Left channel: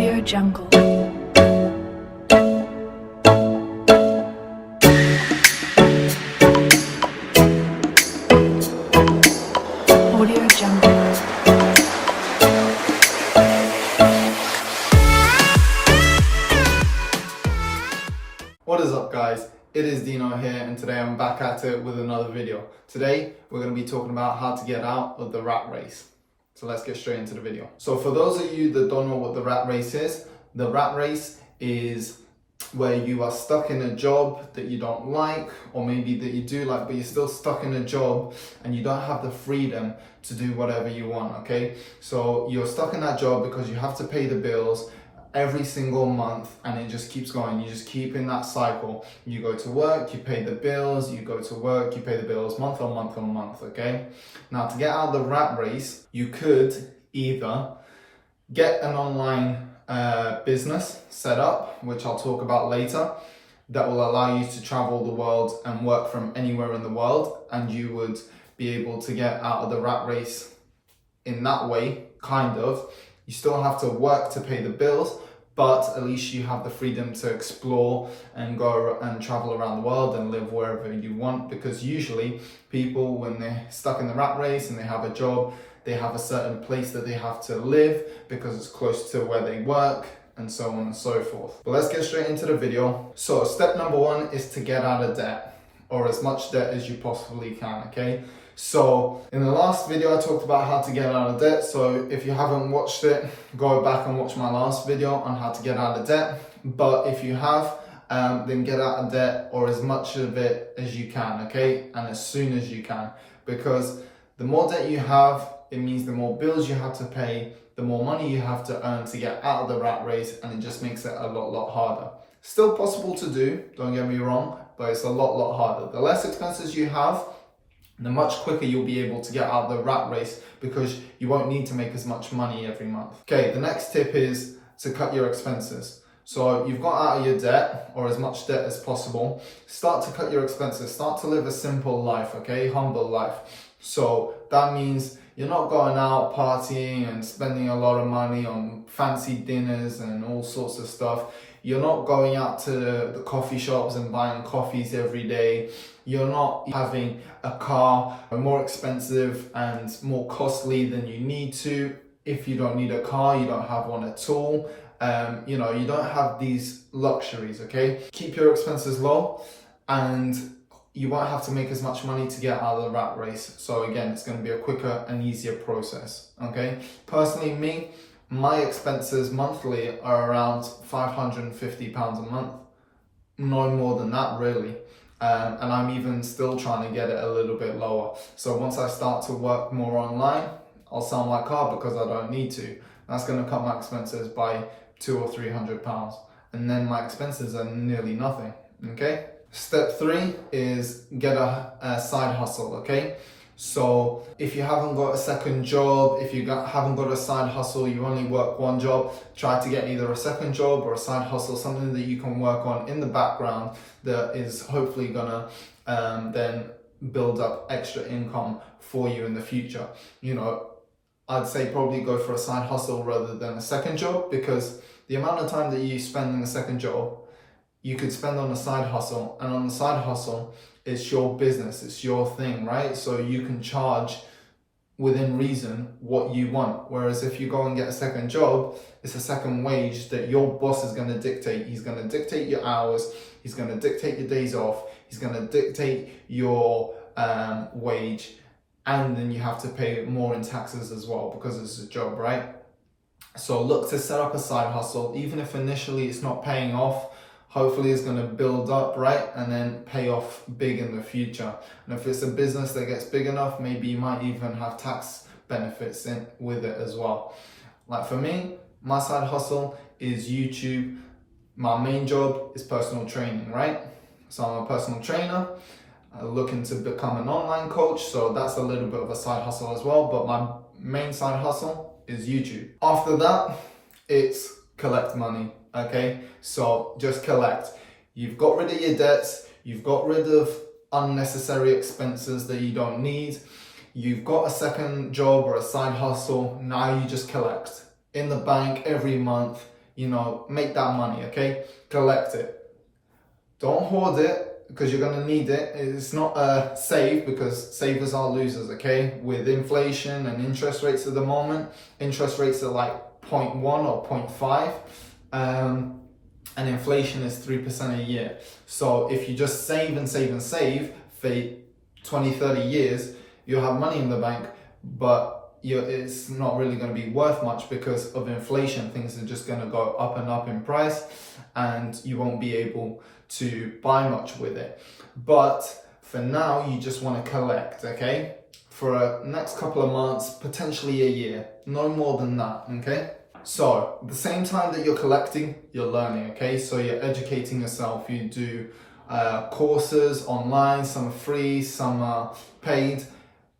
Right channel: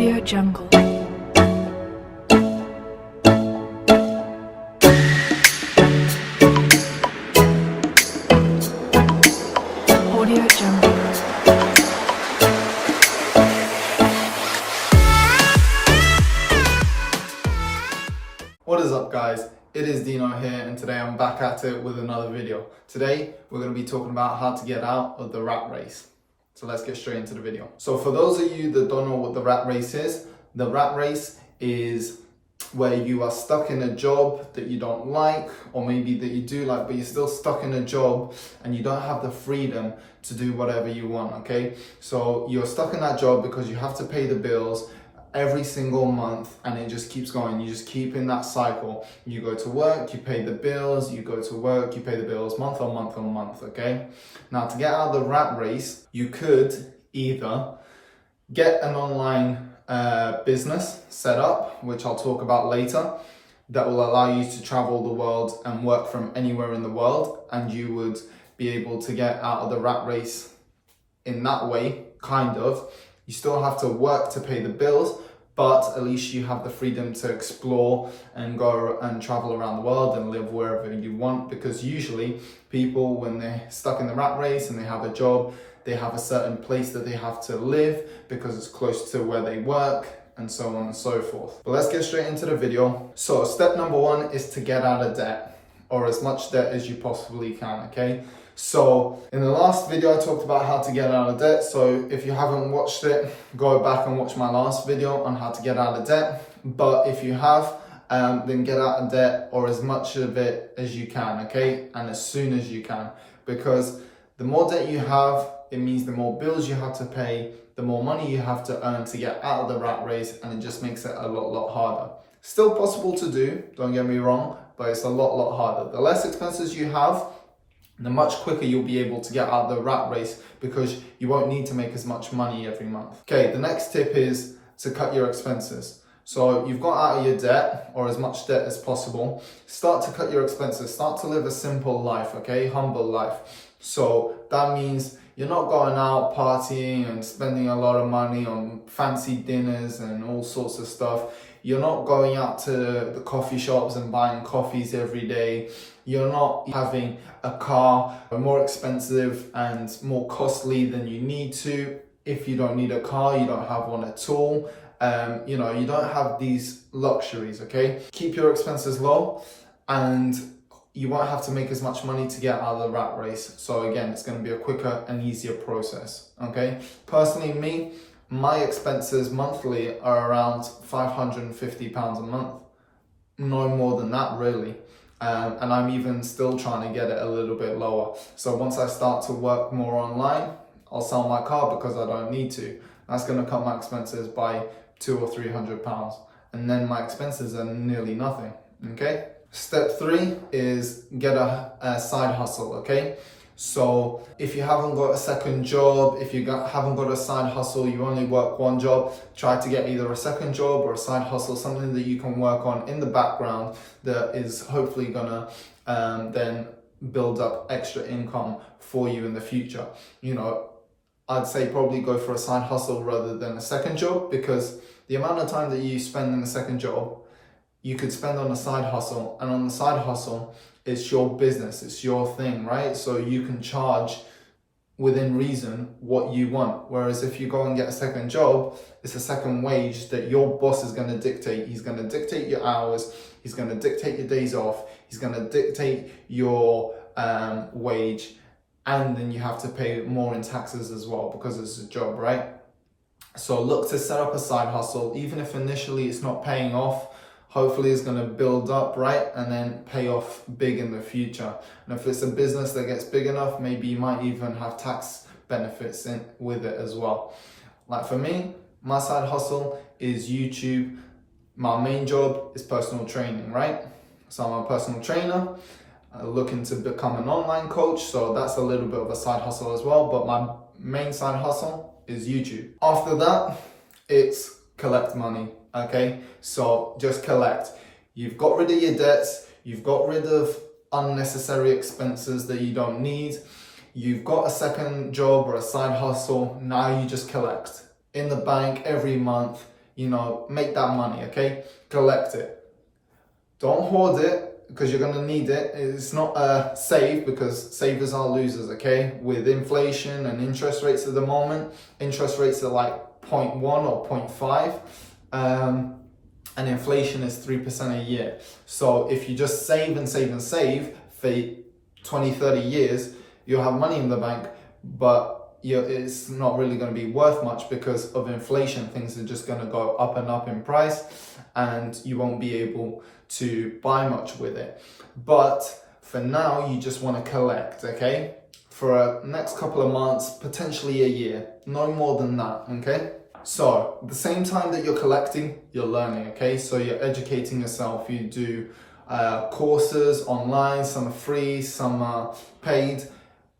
Audio Jungle. Audio Jungle. What is up, guys? It is Dino here, and today I'm back at it with another video. Today we're going to be talking about how to get out of the rat race. So let's get straight into the video. So for those of you that don't know what the rat race is, the rat race is where you are stuck in a job that you don't like, or maybe that you do like, but you're still stuck in a job and you don't have the freedom to do whatever you want, okay? So you're stuck in that job because you have to pay the bills every single month, and it just keeps going. You just keep in that cycle. You go to work, you pay the bills, you go to work, you pay the bills month on month on month, okay? Now, to get out of the rat race, you could either get an online business set up, which I'll talk about later, that will allow you to travel the world and work from anywhere in the world, and you would be able to get out of the rat race in that way, kind of. You still have to work to pay the bills, but at least you have the freedom to explore and go and travel around the world and live wherever you want. Because usually people, when they're stuck in the rat race and they have a job, they have a certain place that they have to live because it's close to where they work, and so on and so forth. But let's get straight into the video. So step number one is to get out of debt, or as much debt as you possibly can, okay? So in the last video I talked about how to get out of debt. So if you haven't watched it, go back and watch my last video on how to get out of debt. But if you have, then get out of debt, or as much of it as you can, okay? And as soon as you can, because the more debt you have, it means the more bills you have to pay, the more money you have to earn to get out of the rat race, and it just makes it a lot harder. Still possible to do, don't get me wrong, but it's a lot harder. The less expenses you have, the much quicker you'll be able to get out of the rat race, because you won't need to make as much money every month. Okay, the next tip is to cut your expenses. So you've got out of your debt, or as much debt as possible. Start to cut your expenses. Start to live a simple life, okay? Humble life. So that means you're not going out partying and spending a lot of money on fancy dinners and all sorts of stuff. You're not going out to the coffee shops and buying coffees every day. You're not having a car more expensive and more costly than you need to. If you don't need a car, you don't have one at all. You don't have these luxuries, okay? Keep your expenses low, and you won't have to make as much money to get out of the rat race. So again, it's going to be a quicker and easier process, okay? Personally, my expenses monthly are around £550 a month. No more than that, really. And I'm even still trying to get it a little bit lower. So once I start to work more online, I'll sell my car because I don't need to. That's going to cut my expenses by £200 or £300. And then my expenses are nearly nothing, okay? Step 3 is get a side hustle, okay? So if you haven't got a second job, if you haven't got a side hustle, you only work one job, try to get either a second job or a side hustle, something that you can work on in the background that is hopefully gonna then build up extra income for you in the future. I'd say probably go for a side hustle rather than a second job, because the amount of time that you spend in a second job, you could spend on a side hustle, and on the side hustle, it's your business, it's your thing, right? So you can charge within reason what you want. Whereas if you go and get a second job, it's a second wage that your boss is going to dictate. He's going to dictate your hours, he's going to dictate your days off, he's going to dictate your wage, and then you have to pay more in taxes as well because it's a job, right? So look to set up a side hustle, even if initially it's not paying off. Hopefully it's going to build up, right? And then pay off big in the future. And if it's a business that gets big enough, maybe you might even have tax benefits with it as well. Like for me, my side hustle is YouTube. My main job is personal training, right? So I'm a personal trainer, looking to become an online coach. So that's a little bit of a side hustle as well. But my main side hustle is YouTube. After that, it's collect money. Okay, so just collect. You've got rid of your debts, you've got rid of unnecessary expenses that you don't need, you've got a second job or a side hustle, now you just collect. In the bank every month, make that money, okay? Collect it. Don't hoard it because you're gonna need it. It's not a save because savers are losers, okay? With inflation and interest rates at the moment, interest rates are like 0.1 or 0.5. And inflation is 3% a year. So if you just save and save and save for 20, 30 years, you'll have money in the bank, but it's not really going to be worth much because of inflation. Things are just going to go up and up in price and you won't be able to buy much with it. But for now, you just want to collect, okay? For next couple of months, potentially a year, no more than that, okay? So, at the same time that you're collecting, you're learning, okay? So you're educating yourself. You do courses online, some are free, some are paid.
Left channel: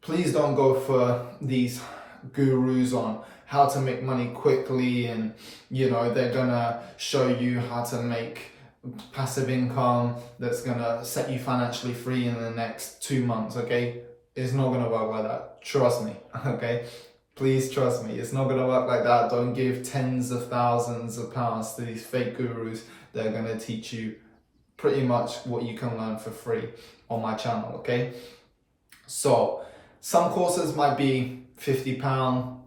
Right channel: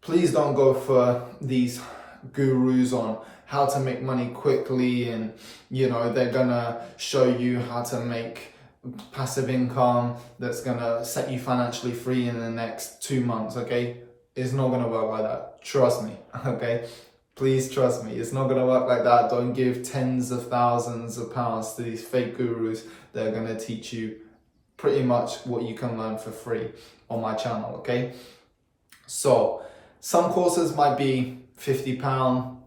Please don't go for these gurus on how to make money quickly and, they're gonna show you how to make passive income that's gonna set you financially free in the next 2 months, okay? It's not gonna work like that. Trust me, okay? Please trust me, it's not going to work like that. Don't give tens of thousands of pounds to these fake gurus that are going to teach you pretty much what you can learn for free on my channel, okay? So, some courses might be £50,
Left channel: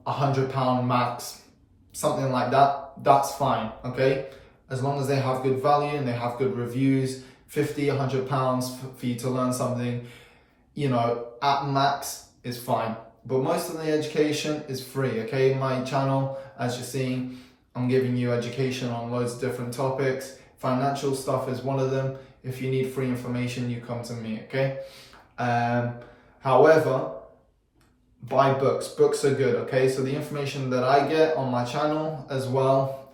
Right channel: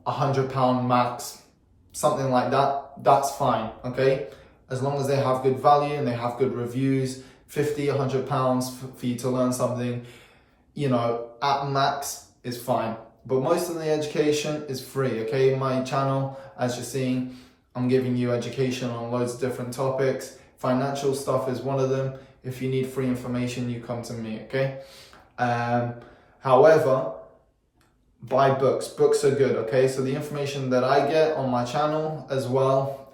£100 max, something like that. That's fine, okay? As long as they have good value and they have good reviews, £50, £100 for you to learn something, at max is fine. But most of the education is free, okay? My channel, as you're seeing, I'm giving you education on loads of different topics. Financial stuff is one of them. If you need free information, you come to me, okay? However, buy books. Books are good, okay? So the information that I get on my channel as well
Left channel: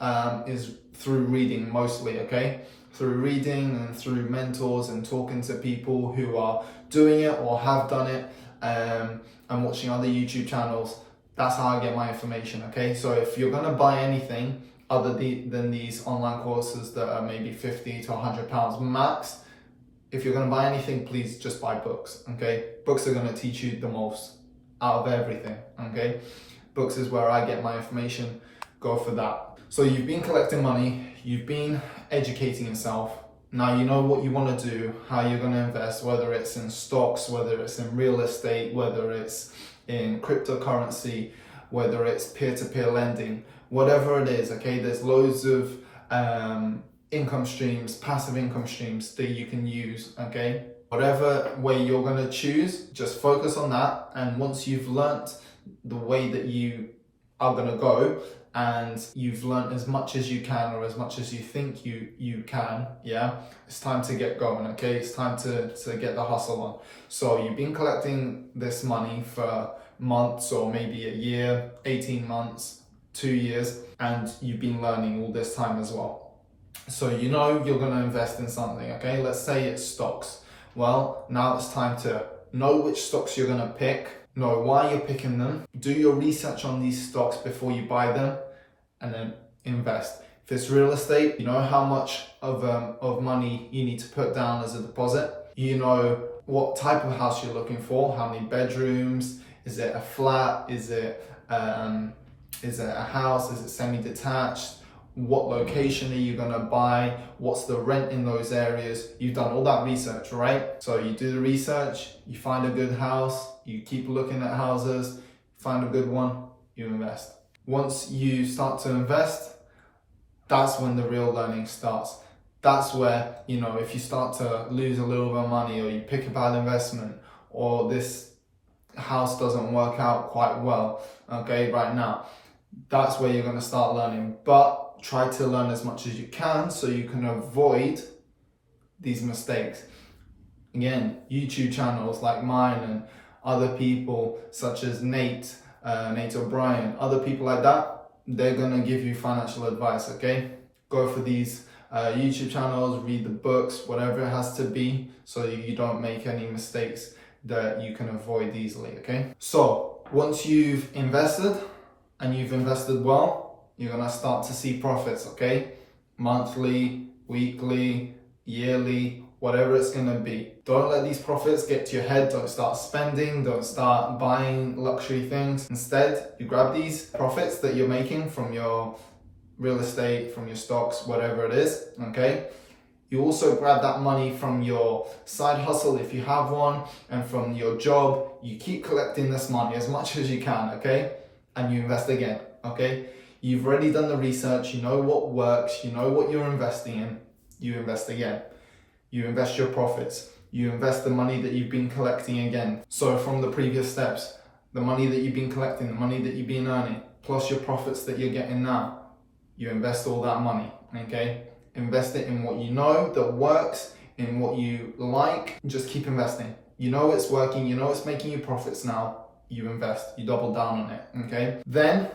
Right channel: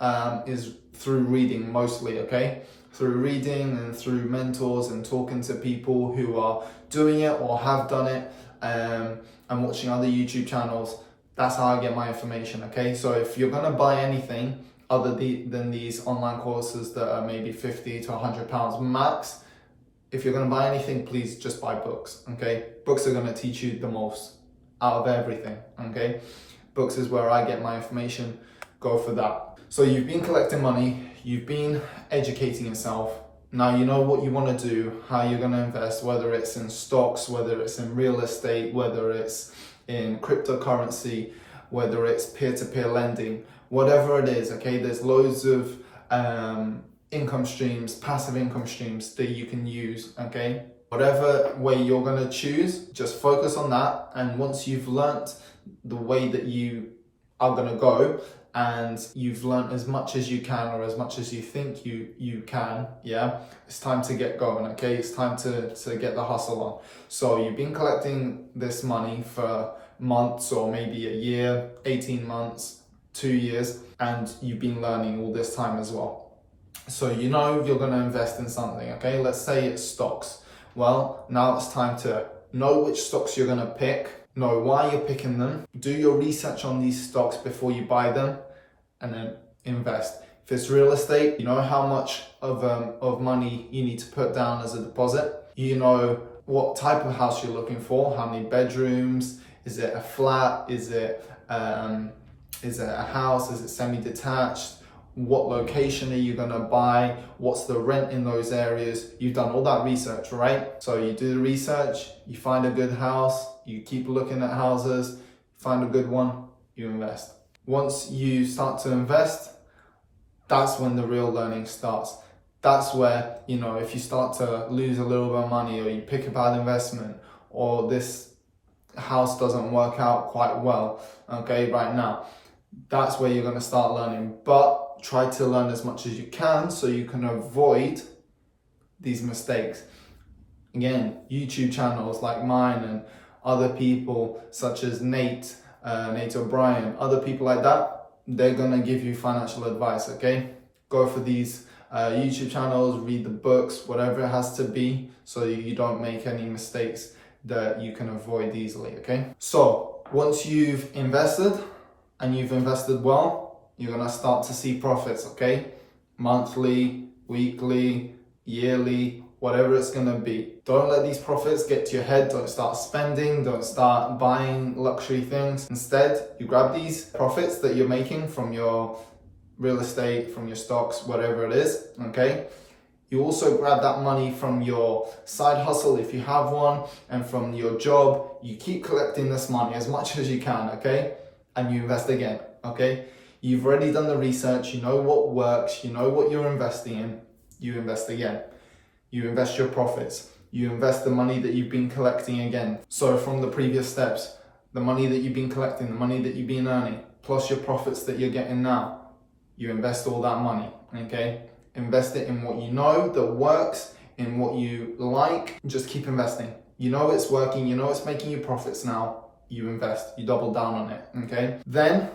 is through reading mostly, okay? Through reading and through mentors and talking to people who are doing it or have done it. And watching other YouTube channels. That's how I get my information, okay? So if you're gonna buy anything other than these online courses that are maybe £50 to £100 max, if you're gonna buy anything, please just buy books, okay? Books are gonna teach you the most out of everything, okay? Books is where I get my information, go for that. So you've been collecting money, you've been educating yourself. Now you know what you want to do, how you're going to invest, whether it's in stocks, whether it's in real estate, whether it's in cryptocurrency, whether it's peer-to-peer lending, whatever it is, okay? There's loads of income streams, passive income streams that you can use, okay? Whatever way you're going to choose, just focus on that. And once you've learnt the way that you are going to go, and you've learned as much as you can or as much as you think you can, yeah, it's time to get going, okay? It's time to get the hustle on. So you've been collecting this money for months or maybe a year, 18 months, 2 years, and you've been learning all this time as well. So you're going to invest in something, okay? Let's say it's stocks. Well, now it's time to know which stocks you're going to pick, know why you're picking them, do your research on these stocks before you buy them, and then invest. If it's real estate, you know how much of money you need to put down as a deposit. You know what type of house you're looking for, how many bedrooms, is it a flat, is it a house, is it semi-detached, what location are you gonna buy, what's the rent in those areas. You've done all that research, right? So you do the research, you find a good house, you keep looking at houses, find a good one, you invest. Once you start to invest, that's when the real learning starts. That's where, if you start to lose a little bit of money or you pick a bad investment or this house doesn't work out quite well, okay, right now, that's where you're going to start learning. But try to learn as much as you can so you can avoid these mistakes. Again, YouTube channels like mine and other people such as Nate O'Brien, other people like that, they're going to give you financial advice, okay? Go for these YouTube channels, read the books, whatever it has to be, so you don't make any mistakes that you can avoid easily, okay? So once you've invested and you've invested well, you're going to start to see profits, okay? Monthly, weekly, yearly, whatever it's going to be. Don't let these profits get to your head. Don't start spending. Don't start buying luxury things. Instead, you grab these profits that you're making from your real estate, from your stocks, whatever it is, okay? You also grab that money from your side hustle if you have one, and from your job. You keep collecting this money as much as you can, okay? And you invest again, okay? You've already done the research, you know what works, you know what you're investing in, you invest again. You invest your profits, you invest the money that you've been collecting again. So from the previous steps, the money that you've been collecting, the money that you've been earning, plus your profits that you're getting now, you invest all that money, okay? Invest it in what you know that works, in what you like, just keep investing. You know it's working, you know it's making you profits now, you invest, you double down on it, okay? Then,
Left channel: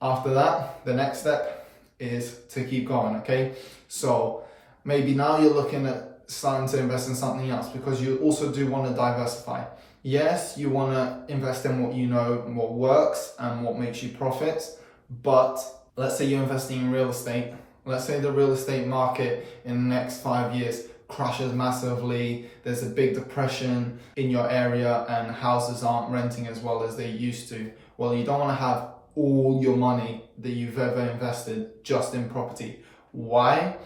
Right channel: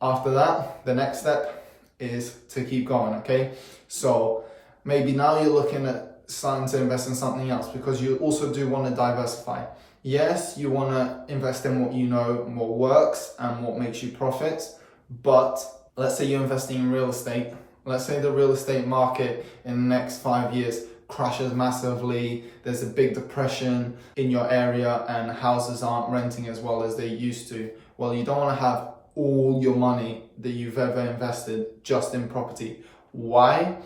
after that, the next step is to keep going, okay? So, maybe now you're looking at starting to invest in something else because you also do want to diversify. Yes, you want to invest in what you know and what works and what makes you profits, but let's say you're investing in real estate. Let's say the real estate market in the next 5 years crashes massively, there's a big depression in your area and houses aren't renting as well as they used to. Well, you don't want to have all your money that you've ever invested just in property. Why?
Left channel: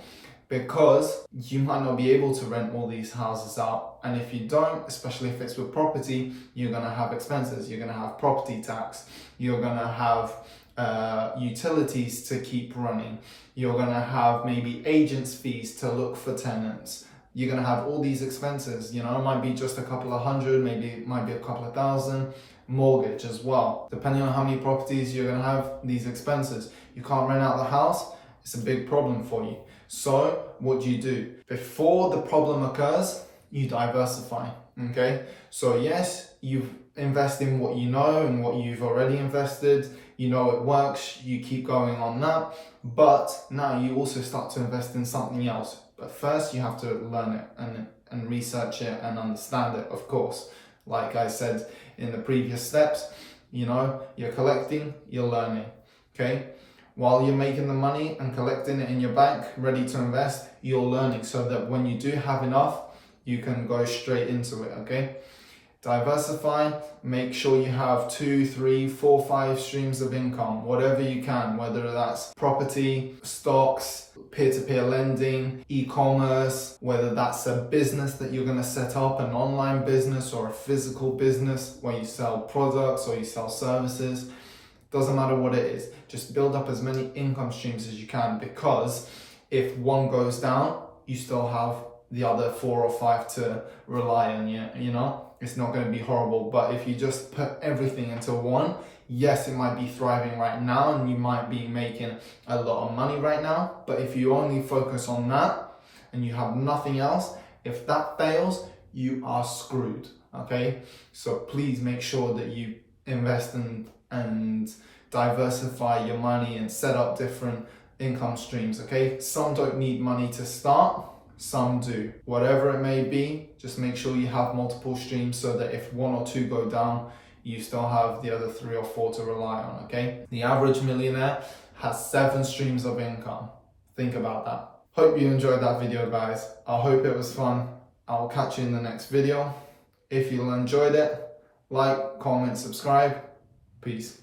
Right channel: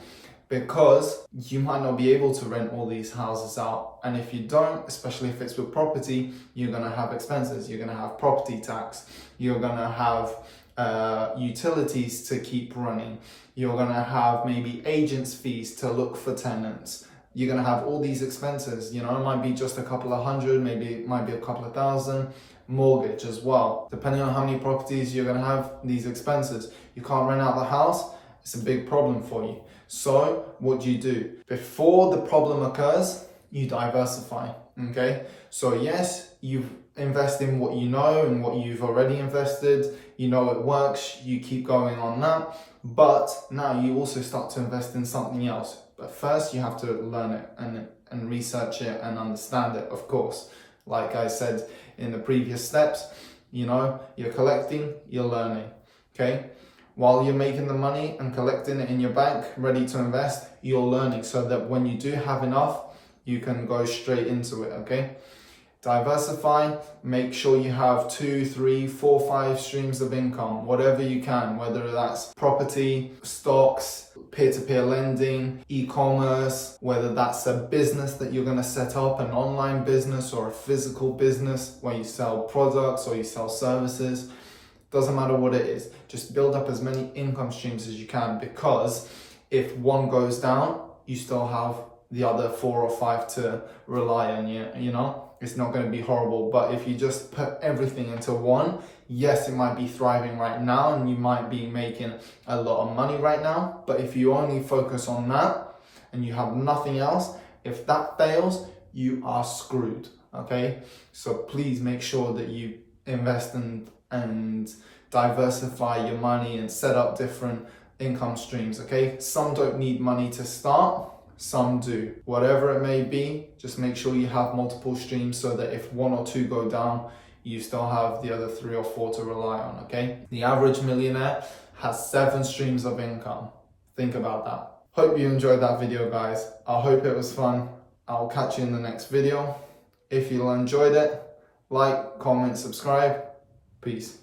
Because you might not be able to rent all these houses out. And if you don't, especially if it's with property, you're going to have expenses. You're going to have property tax. You're going to have utilities to keep running. You're going to have maybe agents' fees to look for tenants. You're going to have all these expenses. You know, it might be just a couple of hundred, maybe it might be a couple of thousand. Mortgage as well. Depending on how many properties, you're going to have these expenses. You can't rent out the house. It's a big problem for you. So what do? Before the problem occurs, you diversify, okay? So yes, you invest in what you know and what you've already invested. You know it works, you keep going on that. But now you also start to invest in something else. But first you have to learn it and research it and understand it, of course. Like I said in the previous steps, you know, you're collecting, you're learning, okay? While you're making the money and collecting it in your bank, ready to invest, you're learning so that when you do have enough, you can go straight into it, okay? Diversify, make sure you have 2, 3, 4, 5 streams of income, whatever you can, whether that's property, stocks, peer-to-peer lending, e-commerce, whether that's a business that you're going to set up, an online business or a physical business where you sell products or you sell services. Doesn't matter what it is, just build up as many income streams as you can, because if one goes down, you still have the other 4 or 5 to rely on, you know? It's not going to be horrible, but if you just put everything into one, yes, it might be thriving right now and you might be making a lot of money right now, but if you only focus on that and you have nothing else, if that fails, you are screwed, okay? So please make sure that you invest and diversify your money and set up different income streams, okay? Some don't need money to start, some do. Whatever it may be, just make sure you have multiple streams so that if 1 or 2 go down, you still have the other 3 or 4 to rely on, okay? The average millionaire has 7 streams of income. Think about that. Hope you enjoyed that video, guys. I hope it was fun. I'll catch you in the next video. If you enjoyed it, like, comment, subscribe. Peace.